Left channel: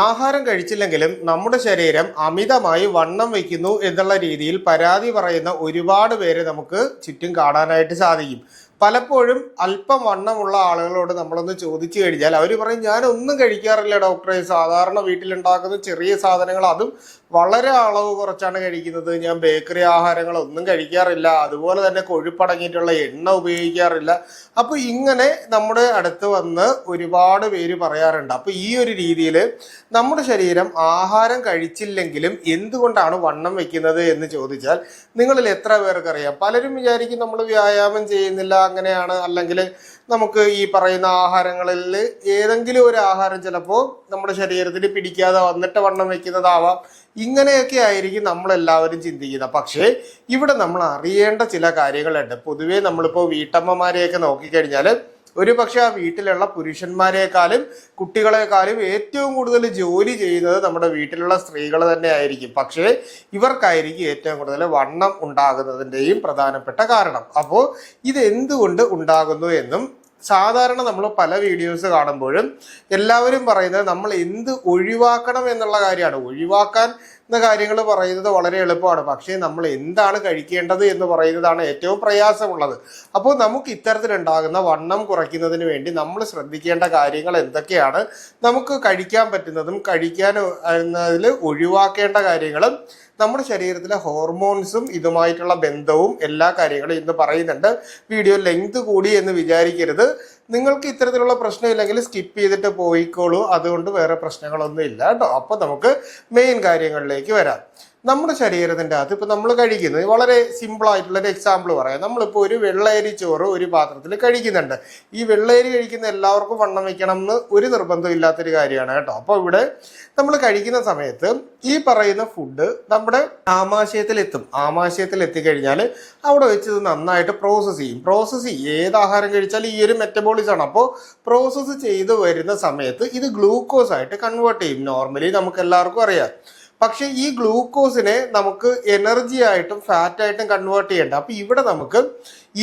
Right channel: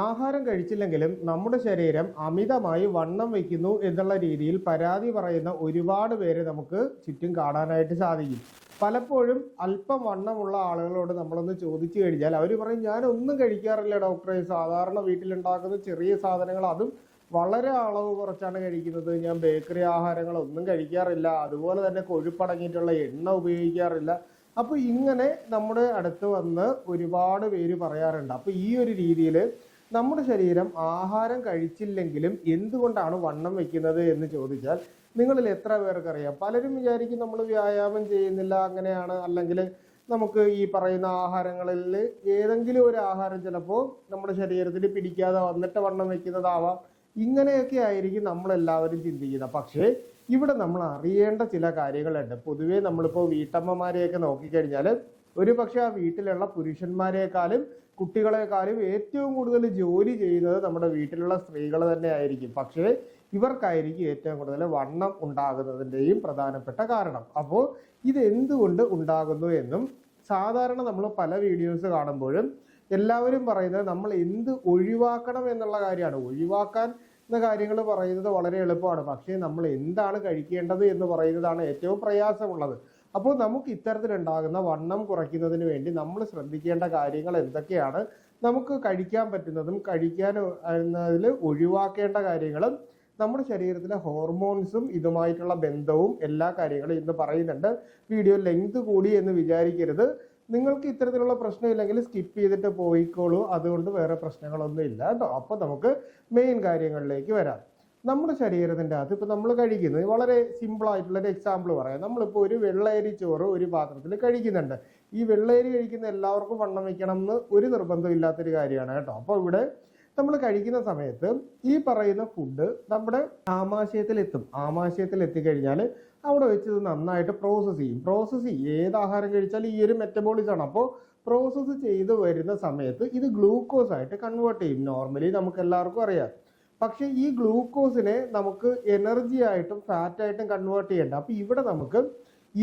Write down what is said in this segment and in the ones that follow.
ആഹാരം കഴിച്ചില്ലെങ്കിലും നമ്മുടെ ശരീരം അമിതമായി വണ്ണം വയ്ക്കുന്നു എന്നുള്ള രീതിയിൽ പരാതി പറയുന്ന ഒരുപാട് പേര് നമുക്ക് ചുറ്റും കാണാനായിട്ട് സാധിക്കും. പലപ്പോഴും അല്പം വണ്ണമുള്ള ആളുകളോട് നമ്മളൊന്ന് ചോദിച്ചു കഴിഞ്ഞാൽ അവർ പറയും, ഞാനൊന്നും കഴിക്കാറില്ല ഡോക്ടറെ, സാധാരണ വീട്ടിലുണ്ടാക്കുന്ന ചെറിയ സാധനങ്ങൾ, അതും വളരെ അളവ് കുറച്ചാണ് കഴിക്കുന്നത്, ഞാൻ ബേക്കറി ആഹാരങ്ങളൊന്നും കഴിക്കാറില്ല, അതുപോലെ തന്നെ കൊഴുപ്പടങ്ങിയിട്ടുള്ള എണ്ണ ഉപയോഗിക്കാറില്ല. അപ്പോൾ ഇങ്ങനെ നമ്മുടെ അടുത്ത് വന്ന് ഒരുപാട് പേര് പറയാറുണ്ട്. അപ്പോൾ ഈ ഒരു രീതിയിൽ നമ്മുടെ ശരീരം ആഹാരം കഴിച്ചില്ലെങ്കിലും എന്തുകൊണ്ടാണ് വണ്ണം വെക്കുന്നത് എന്ന് ചോദിച്ചാൽ നിങ്ങളിൽ എത്ര പേർക്കറിയാം? പലരും വിചാരിക്കും നമ്മൾ വ്യായാമം ചെയ്യുന്നില്ല, അങ്ങനെയാണ്, അല്ലെങ്കിൽ നമുക്ക് ഈ പറയുന്ന ആഹാരങ്ങളിൽ ഏതെങ്കിലും ഒരു ആഹാരം ചിലപ്പോൾ നമ്മുടെ ശരീരത്തിന് പിടിക്കാതെ വന്നിട്ട് വണ്ണം വെക്കുന്നതാവാം. ഇങ്ങനെയൊക്കെ ആയിരിക്കും നമ്മളെല്ലാവരും ചിന്തിക്കുന്നത്. പക്ഷേ ഇവിടെ നമ്മൾ അറിയേണ്ട ചില കാര്യങ്ങളുണ്ട്. പൊതുവേ നമ്മളിപ്പോൾ വീട്ടമ്മമാരെയൊക്കെ നോക്കിക്കഴിഞ്ഞാൽ ഒരു പക്ഷെ ആ വീട്ടിലുള്ള പുരുഷന്മാരെക്കാളും കുട്ടികളെക്കാളും ഏറ്റവും കൂടുതൽ ജോലി ചെയ്യുന്നത് നമ്മുടെ വീട്ടിലുള്ള സ്ത്രീകൾ തന്നെ ആയിരിക്കും. പക്ഷേ ഇവർക്കായിരിക്കും ഏറ്റവും കൂടുതൽ വണ്ണം ഉണ്ടാകുന്നതിൻ്റെയും പ്രധാനപ്പെട്ട കാരണം. അപ്പോൾ ഇത് എന്തുകൊണ്ട് ഉണ്ടാകുന്നു എന്നും സാധാരണ നമ്മൾ പല വീഡിയോസ് കാണുമ്പോഴും എല്ലാവരും പറയുന്നത് നമ്മൾ എന്ത് ഒഴിവാക്കണം എന്നുള്ള കാര്യമാണ്. ഒഴിവാക്കാൻ എന്ന കാര്യങ്ങൾ പറയുന്നത് വളരെ എളുപ്പമാണ്, പക്ഷേ നമ്മൾ എന്താണ് കഴിക്കേണ്ടത് എന്ന് പറയുന്നതാണ് ഏറ്റവും പ്രയാസമുള്ളത്. അപ്പോൾ നമുക്ക് ഇത്തരത്തിലുണ്ടാകുന്ന വണ്ണം കുറയ്ക്കുന്നതിന് വേണ്ടി നമ്മൾ ശ്രദ്ധിക്കേണ്ട കാര്യങ്ങൾ എന്തൊക്കെയാണ്, നമുക്ക് കഴിക്കാൻ പറ്റുന്നതും കഴിക്കാൻ ഒഴിവാക്കേണ്ട കാര്യങ്ങളും നമ്മുടെ ശരീരത്തിലെ ഹോർമോൺസും ഇതുമായിട്ടുള്ള ബന്ധവും എല്ലാ കാര്യങ്ങളും ഇന്ന് പറയുന്നുണ്ട്. വീഡിയോ ലെങ്ത് കൂടി എന്ന് വിചാരിക്കരുത്. നിങ്ങൾക്ക് ഇത്തരത്തിലുള്ള പ്രശ്നമില്ലെങ്കിൽ സ്കിപ്പ് ചെയ്തിട്ട് പോയിക്കോളൂ, അതുകൊണ്ട് വേറെ പ്രശ്നങ്ങളൊന്നും ഇല്ല കേട്ടോ. അപ്പോൾ നമുക്ക് മെയിൻ കാര്യങ്ങളിലേക്ക് വരാം. നമ്മുടെ ശരീരത്തിൻ്റെ അകത്ത് ഇപ്പോൾ നമ്മൾ കഴിക്കുന്നത് വളരെ സിമ്പിളായിട്ടുള്ളൊരു എക്സാമ്പിൾ പറയാം. നമ്മളിപ്പോൾ ഒരു വെള്ളയരി ചോറ് ഒരു പാത്രത്തിൽ കഴിക്കുന്നുണ്ട്. ഈ വെള്ളയരി കഴിക്കുന്ന എല്ലാവർക്കും വണ്ണം വയ്ക്കണം എന്ന് ഒരു നിർബന്ധമില്ലാത്തൊരു കാര്യമാണ് കേട്ടോ. അപ്പോൾ ഇവിടെ നമ്മൾ കഴിക്കുന്ന സമയത്ത് ഈ പറയുന്ന ഫുഡ് നമ്മുടെ ആമാശയത്തിലെത്തും. ആമാശയത്തിൽ എത്തിക്കഴിഞ്ഞാൽ അവിടെ വെച്ച് ഇത് നന്നായിട്ട് പ്രോസസ്സ് ചെയ്യും. ഏത് ആഹാരം കഴിച്ചാലും ഈ ഒരു മെറ്റബോളിസമാണ്. അപ്പോൾ പ്രോസസ്സ് ചെയ്ത് വരുന്ന സമയത്ത് ഇത് ഗ്ലൂക്കോസ് ആയിട്ട് കൺവേർട്ട് ചെയ്യും. നോർമലി നമുക്ക് എല്ലാവർക്കും അറിയാം. പക്ഷേ ഈ ഗ്ലൂക്കോസിനെ നമുക്ക് എനർജി ആയിട്ടും ഫാറ്റായിട്ടും കൺവേർട്ട് ചെയ്യേണ്ട. അപ്പോൾ ഇവിടെ നമുക്ക്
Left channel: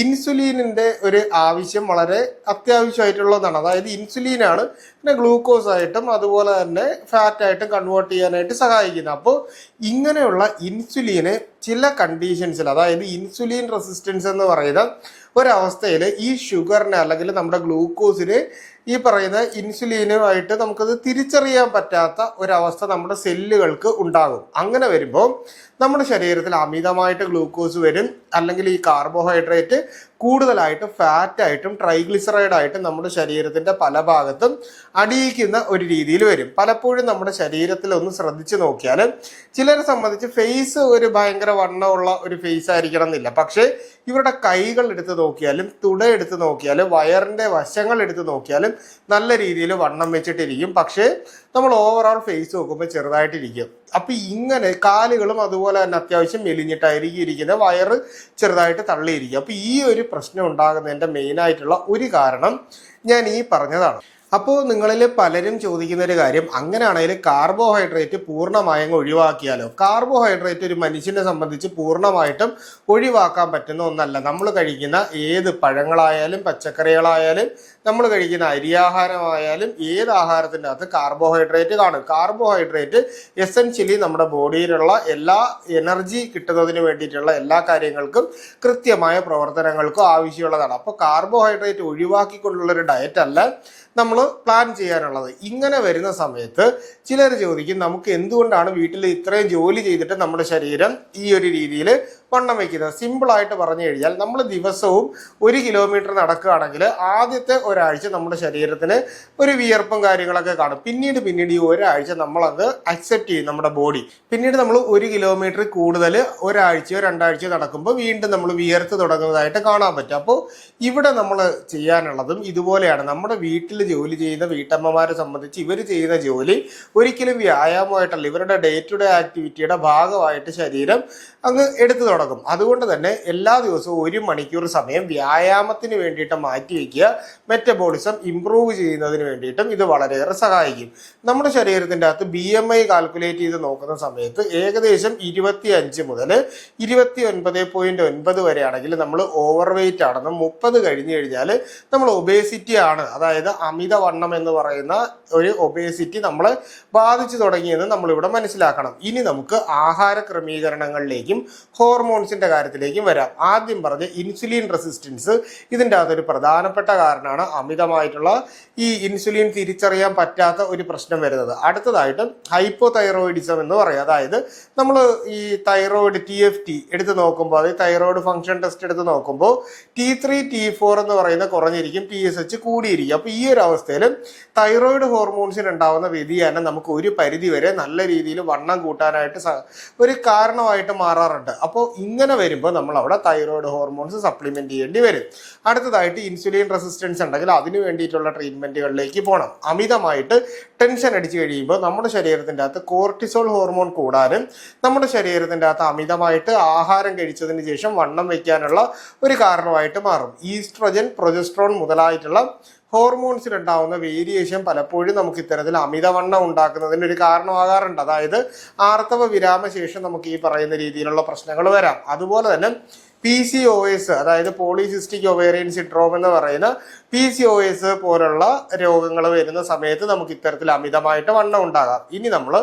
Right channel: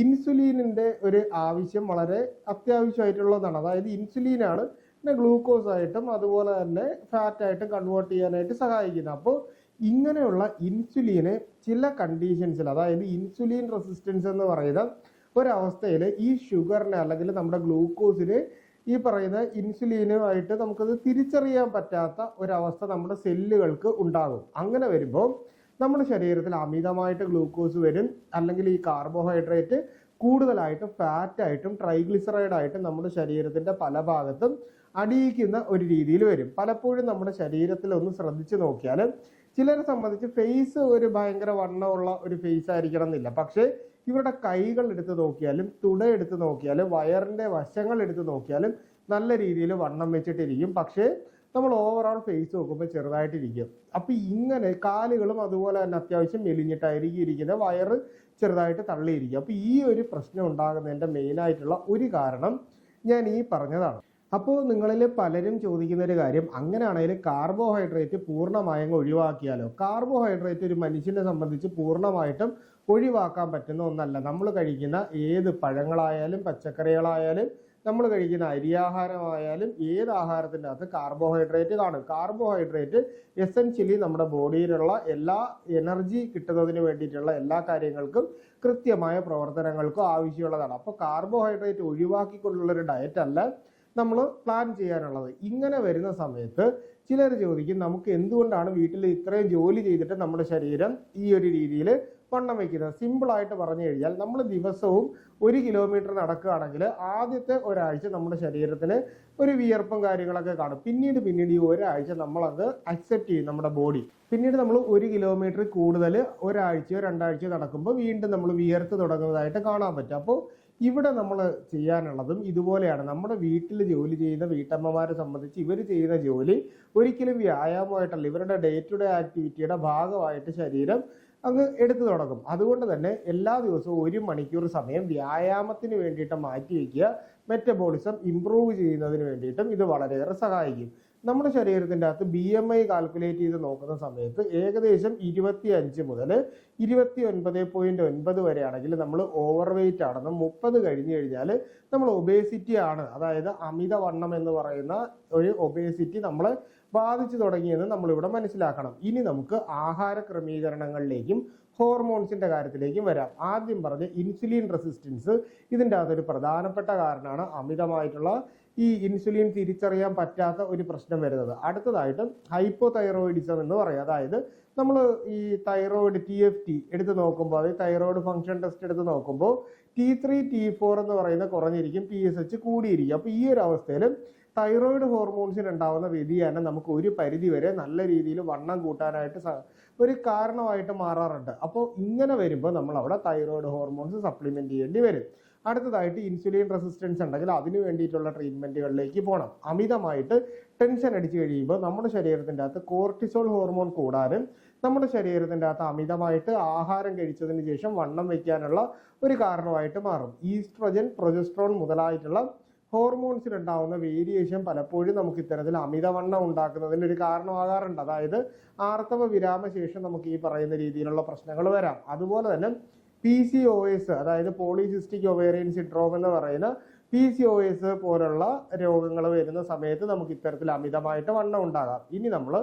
ഇൻസുലിനിൻ്റെ ഒരു ആവശ്യം വളരെ അത്യാവശ്യമായിട്ടുള്ളതാണ്. അതായത് ഇൻസുലിനാണ് പിന്നെ ഗ്ലൂക്കോസ് ആയിട്ടും അതുപോലെ തന്നെ ഫാറ്റായിട്ടും കൺവേർട്ട് ചെയ്യാനായിട്ട് സഹായിക്കുന്നത്. അപ്പോൾ ഇങ്ങനെയുള്ള ഇൻസുലിന് ചില കണ്ടീഷൻസിൽ, അതായത് ഇൻസുലിൻ റെസിസ്റ്റൻസ് എന്ന് പറയുന്ന ഒരവസ്ഥയിൽ ഈ ഷുഗറിനെ അല്ലെങ്കിൽ നമ്മുടെ ഗ്ലൂക്കോസിന് ഈ പറയുന്ന ഇൻസുലിനുമായിട്ട് നമുക്കത് തിരിച്ചറിയാൻ പറ്റാത്ത ഒരവസ്ഥ നമ്മുടെ സെല്ലുകൾക്ക് ഉണ്ടാകും. അങ്ങനെ വരുമ്പോൾ നമ്മുടെ ശരീരത്തിൽ അമിതമായിട്ട് ഗ്ലൂക്കോസ് വരും, അല്ലെങ്കിൽ ഈ കാർബോഹൈഡ്രേറ്റ് കൂടുതലായിട്ട് ഫാറ്റായിട്ടും ട്രൈഗ്ലിസറൈഡായിട്ടും നമ്മുടെ ശരീരത്തിൻ്റെ പല ഭാഗത്തും അടിയിക്കുന്ന ഒരു രീതിയിൽ വരും. പലപ്പോഴും നമ്മുടെ ശരീരത്തിൽ ഒന്ന് ശ്രദ്ധിച്ച് നോക്കിയാൽ ചിലരെ സംബന്ധിച്ച് ഫേസ് ഒരു ഭയങ്കര വണ്ണമുള്ള ഒരു ഫേസ് ആയിരിക്കണം എന്നില്ല. പക്ഷേ ഇവരുടെ കൈകൾ എടുത്ത് നോക്കിയാലും തുട എടുത്ത് നോക്കിയാലും വയറിൻ്റെ വശങ്ങൾ എടുത്ത് നോക്കിയാലും നല്ല രീതിയിൽ വണ്ണം വെച്ചിട്ടിരിക്കും. പക്ഷേ നമ്മൾ ഓവറോൾ ഫേസ് നോക്കുമ്പോൾ ചെറുതായിട്ടിരിക്കും. അപ്പം ഇങ്ങനെ കാലുകളും അതുപോലെ തന്നെ അത്യാവശ്യം മെലിഞ്ഞിട്ടായിരിക്കും ഇരിക്കുന്നത്, വയറ് ചെറുതായിട്ട് തള്ളിയിരിക്കും. അപ്പോൾ ഈ ഒരു പ്രശ്നം ഉണ്ടാകുന്നതിൻ്റെ മെയിനായിട്ടുള്ള ഒരു കാരണം ഞാൻ ഈ പറഞ്ഞതാണ്. അപ്പോൾ നിങ്ങളിൽ പലരും ചോദിക്കുന്ന ഒരു കാര്യം, അങ്ങനെയാണെങ്കിൽ കാർബോഹൈഡ്രേറ്റ് പൂർണ്ണമായും ഒഴിവാക്കിയാലോ? കാർബോഹൈഡ്രേറ്റ് ഒരു മനുഷ്യനെ സംബന്ധിച്ച് പൂർണ്ണമായിട്ടും ഒഴിവാക്കാൻ പറ്റുന്ന ഒന്നല്ല. നമ്മൾ കഴിക്കുന്ന ഏത് പഴങ്ങളായാലും പച്ചക്കറികളായാലും നമ്മൾ കഴിക്കുന്ന അരിയാഹാരമായാലും ഏത് ആഹാരത്തിൻ്റെ അകത്ത് കാർബോഹൈഡ്രേറ്റ് കാണും. കാർബോഹൈഡ്രേറ്റ് എസെൻഷ്യലി നമ്മുടെ ബോഡിയിലുള്ള എല്ലാ എനർജി കിട്ടുന്നതിന് വേണ്ടിയിട്ടുള്ള എല്ലാ കാര്യങ്ങൾക്കും കൃത്യമായ പ്രവർത്തനങ്ങൾക്കും ആവശ്യമുള്ളതാണ്. അപ്പോൾ കാർബോഹൈഡ്രേറ്റ് ഒഴിവാക്കിക്കൊണ്ടുള്ളൊരു ഡയറ്റ് അല്ല നമ്മൾ പ്ലാൻ ചെയ്യാനുള്ളത്. ഇങ്ങനെ വരുന്ന സമയത്ത് ചിലർ ചോദിക്കും, നമുക്ക് എന്തുകൊണ്ടാണ് വീട്ടിൽ ഇത്രയും ജോലി ചെയ്തിട്ട് നമ്മുടെ ശരീരം ഈ ഒരു രീതിയിൽ വണ്ണം വയ്ക്കുന്നത്? സിമ്പിളായിട്ട് പറഞ്ഞു കഴിഞ്ഞാൽ നമ്മൾ ദിവസവും 1 കിലോമീറ്റർ നടക്കുകയാണെങ്കിൽ ആദ്യത്തെ ഒരാഴ്ച നമ്മുടെ ശരീരത്തിന് ഒരു വിയർപ്പും കാര്യങ്ങളൊക്കെ കാണും. പിന്നീട് ഈ ഒരാഴ്ച നമ്മളത് അക്സെപ്റ്റ് ചെയ്യും നമ്മുടെ ബോഡി. പിന്നീട് നമ്മൾ 1 കിലോമീറ്റർ കൂടുതൽ ഒരാഴ്ചയോ 2 ആഴ്ചയോ നടക്കുമ്പോൾ വീണ്ടും നമ്മൾ വിയർത്ത് തുടങ്ങുന്നതായിട്ട് കാണാൻ പറ്റും. അപ്പോൾ ഇവിടെ നമ്മൾ ചെയ്യാനുള്ളതും ഇതുപോലെയാണ്. നമ്മുടെ വീട്ടിൽ ജോലി ചെയ്യുന്ന വീട്ടമ്മമാരെ സംബന്ധിച്ച് ഇവർ ചെയ്യുന്ന ജോലി ഒരിക്കലും വ്യായാമമായിട്ടല്ല, ഇവരുടെ ഡേ ടു ഡേ ആക്ടിവിറ്റിയുടെ ഭാഗമായിട്ട് ശരീരം അങ്ങ് എടുത്തു തുടങ്ങും. തുടങ്ങും. അതുകൊണ്ട് തന്നെ എല്ലാ ദിവസവും 1 മണിക്കൂർ സമയം വ്യായാമത്തിന് വേണ്ടിയിട്ട് മാറ്റിവെക്കുക. മെറ്റബോളിസം ഇംപ്രൂവ് ചെയ്യുന്നതിന് വേണ്ടിയിട്ടും ഇത് വളരെയേറെ സഹായിക്കും. നമ്മുടെ ശരീരത്തിൻ്റെ അകത്ത് BMI കാൽക്കുലേറ്റ് ചെയ്ത് നോക്കുന്ന സമയത്ത് ഏകദേശം 25 മുതൽ 29.9 വരെയാണെങ്കിൽ നമ്മൾ ഓവർ വെയിറ്റ് ആണെന്നും 30 കഴിഞ്ഞു കഴിഞ്ഞാൽ നമ്മൾ ഒബേസിറ്റി ആണ്, അതായത് അമിതവണ്ണം എന്ന് പറയുന്ന ഒരു ഒബേസിറ്റി നമ്മളെ ബാധിച്ചു തുടങ്ങിയെന്ന് നമ്മളിവിടെ മനസ്സിലാക്കണം. ഇനി നമുക്ക് ആഹാര ക്രമീകരണങ്ങളിലേക്കും ഹോർമോൺസിന്റെ കാര്യത്തിലേക്കും വരാം. ആദ്യം പറഞ്ഞ ഇൻസുലിൻ റെസിസ്റ്റൻസ് ഇതിൻ്റെ അകത്തൊരു പ്രധാനപ്പെട്ട കാരണമാണ് അമിതമായിട്ടുള്ള ഈ ഇൻസുലിൻ തിരിച്ചറിയാൻ പറ്റാത്ത ഒരു പ്രശ്നം വരുന്നത്. അടുത്തതായിട്ട് ഹൈപ്പോതൈറോയിഡിസം എന്ന് പറയും. അതായത് നമ്മൾ ഈ തൈറോയിഡ് TFT എടുത്ത് നോക്കുമ്പോൾ, അതായത് തൈറോയിഡ് ഫംഗ്ഷൻ ടെസ്റ്റ് എടുത്ത് നോക്കുമ്പോൾ T3 T4 എന്ന് പറയുന്ന കുറഞ്ഞിരിക്കും, TSH കൂടിയിരിക്കും. അപ്പോൾ ഈ ഒരു അവസ്ഥയിൽ തൈറോയിഡ് ഹോർമോൺസിന് ഉണ്ടാവുന്ന വ്യതിയാനം നമുക്ക് ഒരു പരിധി വരെ നല്ല രീതിയിൽ വണ്ണം കൂട്ടാനായിട്ട് ഒരു കാരണമായിട്ട് മാറാറുണ്ട്. അപ്പോൾ ഇങ്ങനെ വരുമ്പോൾ നമ്മൾ അവിടെ തൈറോയിഡ് ഹോർമോൺസ് സപ്ലിമെന്റ് ചെയ്യേണ്ടി വരും. അടുത്തതായിട്ട് ഇൻസുലിൻ റെസിസ്റ്റൻസ് ഉണ്ടെങ്കിൽ അതിന് വേണ്ടിയിട്ടുള്ള ട്രീറ്റ്മെന്റുകളിലേക്ക് പോകണം. അമിതമായിട്ട് ടെൻഷൻ അടിച്ചു കഴിയുമ്പോൾ നമ്മുടെ ശരീരത്തിൻ്റെ അകത്ത് കോർട്ടിസോൾ ഹോർമോൺ കൂടാനും നമ്മുടെ ശരീരത്തിൻ്റെ അകത്ത് അമിതമായിട്ട് ആഹാരം കഴിച്ചതിന് ശേഷം വണ്ണം വയ്ക്കാനുള്ള ഒരു കാരണമായിട്ട് മാറും. ഈസ്ട്രജൻ, പ്രൊജസ്ട്രോൺ മുതലായിട്ടുള്ള ഹോർമോൺസിലുണ്ടാവുന്ന വേരിയേഷൻ പലപ്പോഴും നമുക്ക് ഇത്തരത്തിൽ അമിതവണ്ണം ഉണ്ടാക്കുന്നതിന് ഒരു കാരണമാകാറുണ്ട്. അതായത് ആർത്തവ വിരാമശേഷം നമുക്ക് ഈ പറയുന്ന രീതിയിലുള്ള പ്രശ്നങ്ങൾ വരാം. അതുപോലെ തന്നെ PCOS, അതായത് പോളിസിസ്റ്റിക് ഒവേറിയൻ സിൻഡ്രോം എന്ന് പറയുന്ന PCOS പോലുള്ള രോഗങ്ങൾ വരുന്ന സമയത്ത് നമുക്ക് ഇത്തരത്തിൽ അമിതമായിട്ട് വണ്ണം ഉണ്ടാകാം. ഇനി നമ്മൾ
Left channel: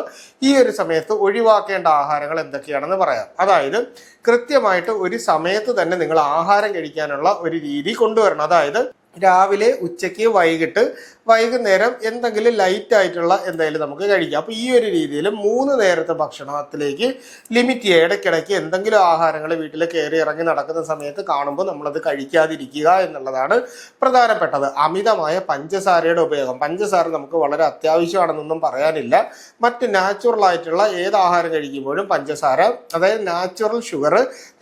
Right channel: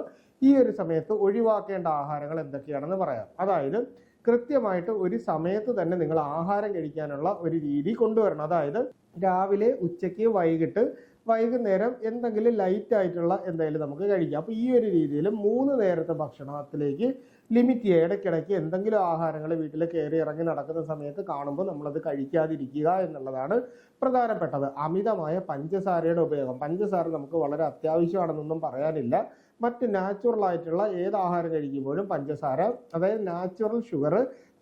ഈ ഒരു സമയത്ത് ഒഴിവാക്കേണ്ട ആഹാരങ്ങൾ എന്തൊക്കെയാണെന്ന് പറയാം. അതായത് കൃത്യമായിട്ട് ഒരു സമയത്ത് തന്നെ നിങ്ങൾ ആഹാരം കഴിക്കാനുള്ള ഒരു രീതി കൊണ്ടുവരണം. അതായത് രാവിലെ, ഉച്ചയ്ക്ക്, വൈകുന്നേരം എന്തെങ്കിലും ലൈറ്റ് ആയിട്ടുള്ള എന്തെങ്കിലും നമുക്ക് കഴിക്കാം. അപ്പോൾ ഈ ഒരു രീതിയിൽ 3 നേരത്തെ ഭക്ഷണത്തിലേക്ക് ലിമിറ്റ് ചെയ്യുക. ഇടയ്ക്കിടയ്ക്ക് എന്തെങ്കിലും ആഹാരങ്ങൾ വീട്ടിൽ കയറി ഇറങ്ങി നടക്കുന്ന സമയത്ത് കാണുമ്പോൾ നമ്മളത് കഴിക്കാതിരിക്കുക എന്നുള്ളതാണ് പ്രധാനപ്പെട്ടത്. അമിതമായ പഞ്ചസാരയുടെ ഉപയോഗം, പഞ്ചസാര നമുക്ക് വളരെ അത്യാവശ്യമാണെന്നൊന്നും പറയാനില്ല. മറ്റ് നാച്ചുറൽ ആയിട്ടുള്ള ഏത് ആഹാരം കഴിക്കുമ്പോഴും പഞ്ചസാര, അതായത് നാച്ചുറൽ ഷുഗർ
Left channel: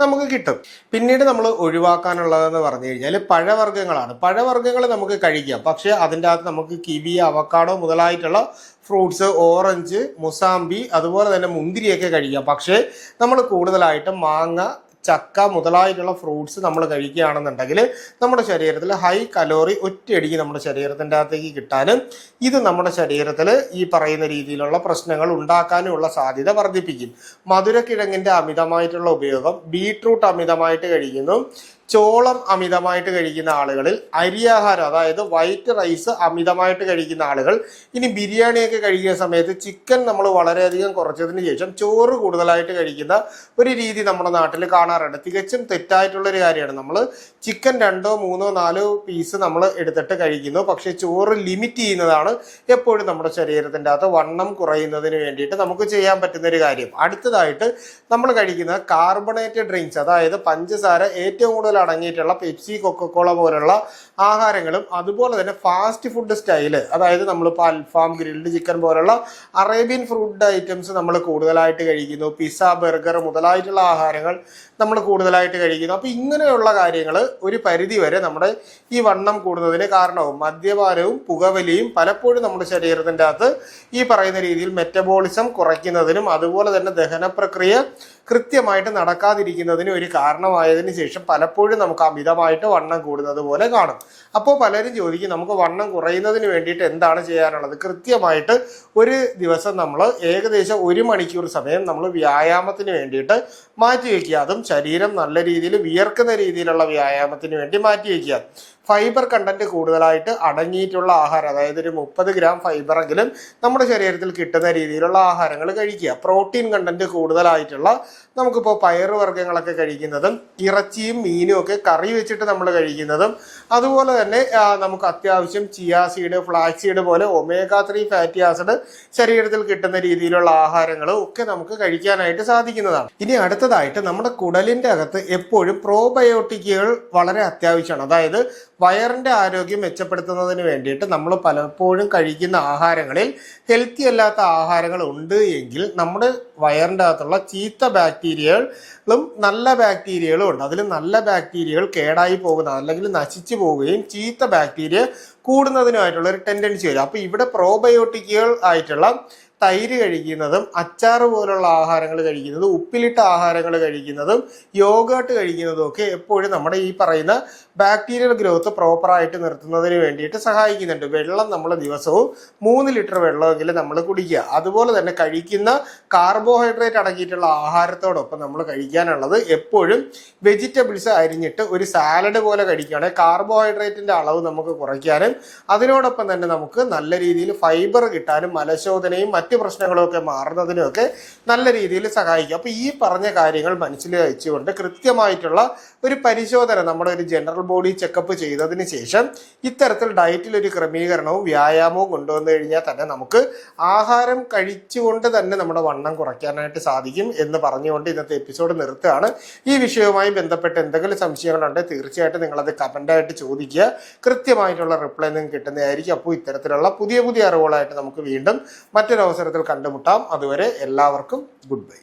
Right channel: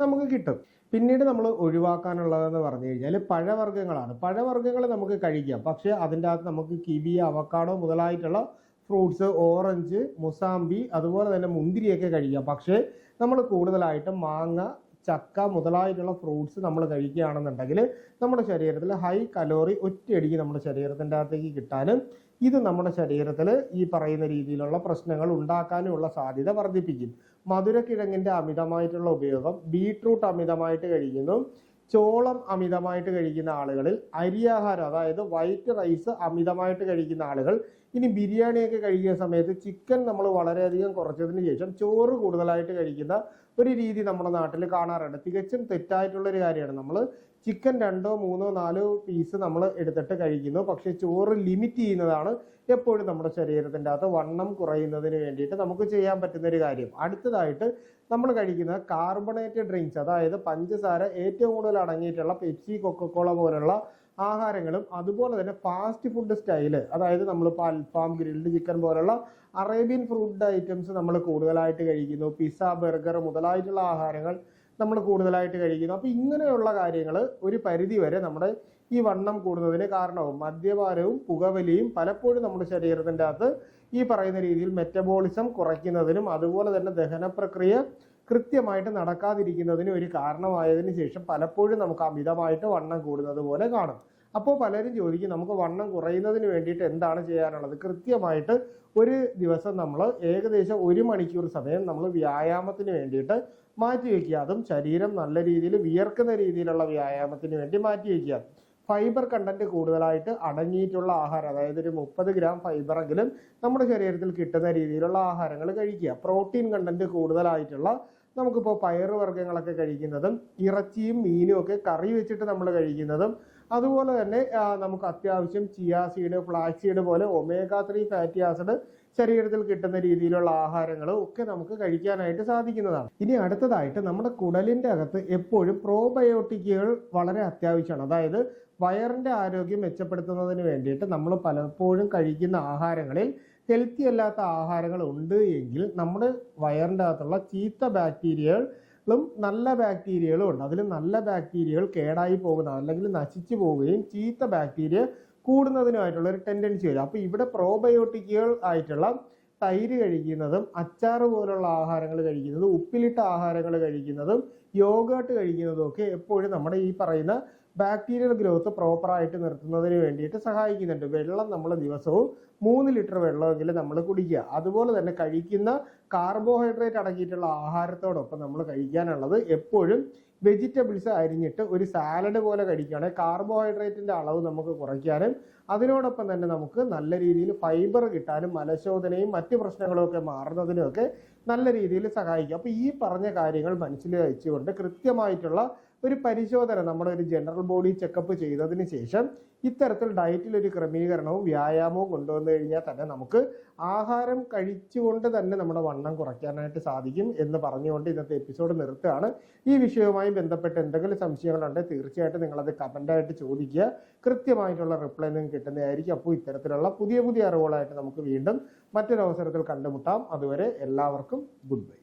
നമുക്ക് കിട്ടും. പിന്നീട് നമ്മൾ ഒഴിവാക്കാനുള്ളതെന്ന് പറഞ്ഞു കഴിഞ്ഞാൽ പഴവർഗ്ഗങ്ങളാണ്. പഴവർഗ്ഗങ്ങൾ നമുക്ക് കഴിക്കാം, പക്ഷേ അതിൻ്റെ അകത്ത് നമുക്ക് kiwi, avocado മുതലായിട്ടുള്ള fruits, orange, mosambi, അതുപോലെ തന്നെ മുന്തിരിയൊക്കെ കഴിക്കാം. പക്ഷേ നമ്മൾ കൂടുതലായിട്ട് മാങ്ങ, ചക്ക മുതലായിട്ടുള്ള ഫ്രൂട്ട്സ് നമ്മൾ കഴിക്കുകയാണെന്നുണ്ടെങ്കിൽ നമ്മുടെ ശരീരത്തിൽ ഹൈ കലോറി ഒറ്റയടിക്ക് നമ്മുടെ ശരീരത്തിൻ്റെ അകത്തേക്ക് കിട്ടാനും ഇത് നമ്മുടെ ശരീരത്തിൽ ഈ പറയുന്ന രീതിയിലുള്ള പ്രശ്നങ്ങൾ ഉണ്ടാക്കാനുമുള്ള സാധ്യത വർദ്ധിപ്പിക്കും. മധുരക്കിഴങ്ങിൻ്റെ അമിതമായിട്ടുള്ള ഉപയോഗം, ബീട്രൂട്ട് അമിതമായിട്ട് കഴിക്കുന്നു, ചോളം അമിതമായിട്ട് കഴിക്കുന്ന ആളുകളിൽ, അരിയാഹാരം അതായത് വൈറ്റ് റൈസ് അമിതമായിട്ട് കഴിക്കുന്ന ആളുകൾ, ഇനി ബിരിയാണിയൊക്കെ കഴിക്കുന്ന സമയത്ത് ചിക്കൻ നമ്മൾ വളരെയധികം കുറച്ചതിന് ശേഷം ചോറ് കൂടുതലായിട്ട് കഴിക്കുന്ന ഒരു രീതി നമ്മുടെ നാട്ടിൽ കാണാറുണ്ട്. തികച്ചും തെറ്റായിട്ടുള്ളൊരു കാര്യമാണ്. നമ്മൾ ചിക്കൻ 2, 3, 4 പീസ് നമ്മൾ എടുത്തിട്ട് കഴിക്കുന്നു, പക്ഷേ ചോറ് ലിമിറ്റ് ചെയ്യുന്നതാണ് എപ്പോഴും നമ്മുടെ ശരീരത്തിൻ്റെ അകത്ത് വണ്ണം കുറയുന്നതിന് വേണ്ടിയിട്ട് നമുക്ക് ചെയ്യാൻ പറ്റുന്നൊരു കാര്യം. അടുത്തതായിട്ട് നമ്മൾ കഴിക്കുന്ന കാർബണേറ്റഡ് ഡ്രിങ്ക്സ്, അതായത് പഞ്ചസാര ഏറ്റവും കൂടുതൽ അടങ്ങിയിട്ടുള്ള പെപ്സി, കൊക്കക്കോള പോലുള്ള ആഹാരങ്ങളും, അതുപോലെ തന്നെ ഫാസ്റ്റ് ഫുഡ് സ്റ്റൈല്, അതായത് നമ്മളിപ്പോൾ അൽഫാം, ഗ്രിൽഡ് ചിക്കൻ പോലുള്ള അറേബ്യൻ ഫുഡ് ഐറ്റംസ് നമ്മൾ കൂടുതലായിട്ട് കഴിക്കുന്നു, പിസ്സ, ബർഗർ മുതലായിട്ടുള്ള ആഹാരങ്ങൾ നമ്മൾ കൂടുതലായിട്ട് കഴിക്കുന്നു. അപ്പോൾ ഇങ്ങനെയുള്ള കാര്യങ്ങൾ ഒരു പരിധി വരെ നമ്മുടെ ഈ വണ്ണം കൂടുന്നതിന് കാരണവും. മദ്യപാനവും പുകവലിയും പലപ്പോഴും നമ്മുടെ ശരീരത്തിൻ്റെ അകത്ത് ഈ പറയുന്ന രീതിയിൽ മെറ്റബോളിസം കുറയ്ക്കുന്നതിനും അതുപോലെ തന്നെ ദഹന പ്രക്രിയ കൃത്യമായിട്ട് നടക്കാതിരിക്കുന്നതിന് ഒരു കാരണമായതിനു ശേഷം പലപ്പോഴും നമുക്ക് അമിതമായിട്ട് വണ്ണം കൂടുന്നത് പോലെ കാണും. അപ്പോൾ പലരും ചോദിക്കും, നമുക്ക് വണ്ണം കുറയുന്നതിന് വേണ്ടിയിട്ട് എന്താണ് ചെയ്യാനുള്ളത്? കൃത്യമായിട്ട് ഒരു ദിവസം നമ്മൾ ഏകദേശം 1 മണിക്കൂർ സമയം നമ്മൾ വ്യായാമത്തിന് വേണ്ടിയിട്ട് മാറ്റിവെക്കുക. അതും ശരീരം നല്ല രീതിയിൽ വിയർക്കുന്ന രീതിയിലുള്ള വ്യായാമത്തിന് വേണ്ടി മാറ്റിവെക്കുക. ഫൈബർ കണ്ടന്റ് കൂടുതലായിട്ട് അടങ്ങിയിട്ടുള്ള ആഹാരം, അതായത് ഒരു 30 ഗ്രാം ഫൈബറെങ്കിലും നമ്മുടെ ശരീരത്തിൽ കിട്ടുന്ന രീതിയിലുള്ള ആഹാരങ്ങൾ കഴിക്കുക. പ്രോട്ടീൻ കണ്ടന്റ് കൂടുതലായിട്ടുള്ള നമുക്കിപ്പോൾ പയറുവർഗ്ഗങ്ങളൊക്കെ കഴിക്കുന്നതും ഇറച്ചിയും മീനും ഒക്കെ കറി വെച്ചിട്ട് നമ്മൾ കഴിക്കുന്നതും, അതുപോലെ തന്നെ നമുക്ക് അത്യാവശ്യം ചിയാ സീഡ്, ഫ്ലാക്സ് സീഡ് പോലെ omega-3 ഫാറ്റി ആസിഡ് ശരീരത്തിൽ കിട്ടുന്ന രീതിയിലുള്ള ആഹാരങ്ങളും ഒക്കെ നമുക്ക് കഴിക്കാനായിട്ട് സാധിക്കുന്നതാണ്. ഇനി അടുത്തതായിട്ട് നമ്മുടെ കുടലിൻ്റെ അകത്ത് എപ്പോഴും പ്രോബയോട്ടിക്കുകൾ വളരെ അത്യാവശ്യമാണ്. അതായത് വയറിൻ്റെ ആരോഗ്യം മെച്ചപ്പെടുത്തുന്നതിന് വേണ്ടിയിട്ട് നമ്മൾ പലപ്പോഴും കഴിക്കുന്ന ആഹാരങ്ങളിൽ ഹെൽത്തി അല്ലാത്ത ആഹാരങ്ങൾ ഉണ്ട് എങ്കിൽ നമ്മുടെ വയറിൻ്റെ അകത്തുള്ള ചീത്ത ബാക്ടീരിയകളും നല്ല ബാക്ടീരിയകളും ഉണ്ട്. അതിൽ നല്ല ബാക്ടീരിയകൾ കേടായി പോകുന്ന അല്ലെങ്കിൽ നശിച്ചു പോവുകയും ചീത്ത ബാക്ടീരിയ കൂടുന്നതിനുമായിട്ടുള്ള ഒരു ടെൻഡൻസി വരും. അപ്പോൾ ഇവിടെ പ്രോബയോട്ടിക്കുകൾ ആയിട്ടുള്ള തൈര് കഴിക്കുന്നതും അച്ചാറ് പോലുള്ള ആഹാരങ്ങൾ കഴിക്കുന്നതും ഉപ്പിലിട്ട ആഹാരങ്ങൾ കഴിക്കുന്നതും യോഗേർട്ട് കഴിക്കുന്നതും ഒക്കെ എപ്പോഴും നമ്മുടെ ഈ പറയുന്ന ബാക്ടീരിയൽ ഗ്രോത്ത് പ്രോപ്പറായിട്ട് നിർത്തുന്നതിന് വേണ്ടിയിട്ട് സഹായിക്കുന്നുണ്ട്. വെള്ളം നമ്മൾ ദിവസവും 3 ലിറ്റർ വെള്ളമെങ്കിലും നമ്മൾ കുടിക്കുക. അതുപോലെ തന്നെ കഴിക്കുന്ന കാർബോഹൈഡ്രേറ്റ് അടങ്ങിയിട്ടുള്ള ആഹാരത്തോടൊപ്പം നമ്മൾ കഴിക്കാനുള്ളത് എപ്പോഴും വെജിറ്റബിൾസ് അരിഞ്ഞിട്ട് ഒരു സാലഡ് പോലെ കഴിക്കുകയാണെങ്കിൽ കാർബോഹൈഡ്രേറ്റിൻ്റെ അളവ് നമുക്ക് കുറയ്ക്കാനും അതിനോടൊപ്പം തന്നെ നമുക്ക് നല്ല രീതിയിൽ ഫൈബർ കിട്ടാനും മലശോധനയും മറ്റ് പ്രശ്നങ്ങളൊക്കെ മാറുന്നതിനുമൊക്കെ നല്ല രീതിയിൽ സഹായിക്കും. അപ്പോൾ ഈ പറഞ്ഞ കാര്യങ്ങൾ മനസ്സിൽ വെച്ചുകൊണ്ട് കൃത്യമായിട്ടുള്ള ഒരു പരിശോധന നമ്മുടെ ഒരു ജനറൽ ബോഡി ചെക്കപ്പ് ചെയ്തതിന് ശേഷം ഇത്തരത്തിൽ ഡയറ്റിൽ ഒരു ക്രമീകരണവും വ്യായാമവും കൊണ്ടുവന്നു കഴിഞ്ഞാൽ തന്നെ നമുക്ക് ആഹാരം കഴിച്ചുകൊണ്ട് തന്നെ നമ്മുടെ വണ്ണം കുറയ്ക്കാനായിട്ട് സാധിക്കും എന്ന് പറഞ്ഞുകൊണ്ട് ഇന്നത്തെ എപ്പിസോഡ് നിർത്തുകയാണ്. ഈ വിഷയവുമായി ബന്ധപ്പെട്ട് എന്തെങ്കിലും സംശയങ്ങളുണ്ടെങ്കിൽ തീർച്ചയായിട്ടും നിങ്ങളത് കമൻ്റായിട്ട് ചോദിക്കുക. കൃത്യമായിട്ടുള്ള റിപ്ലൈ നിങ്ങൾക്ക് കിട്ടുന്നതായിരിക്കും. അപ്പോൾ ഇത്തരത്തിലുള്ള പുതിയ പുതിയ അറിവുകളായിട്ട് നമുക്ക് വീണ്ടും മറ്റൊരു അവസരത്തിൽ കണ്ടുമുട്ടാം. അതുവരെ എല്ലാവർക്കും ഗുഡ് ബൈ.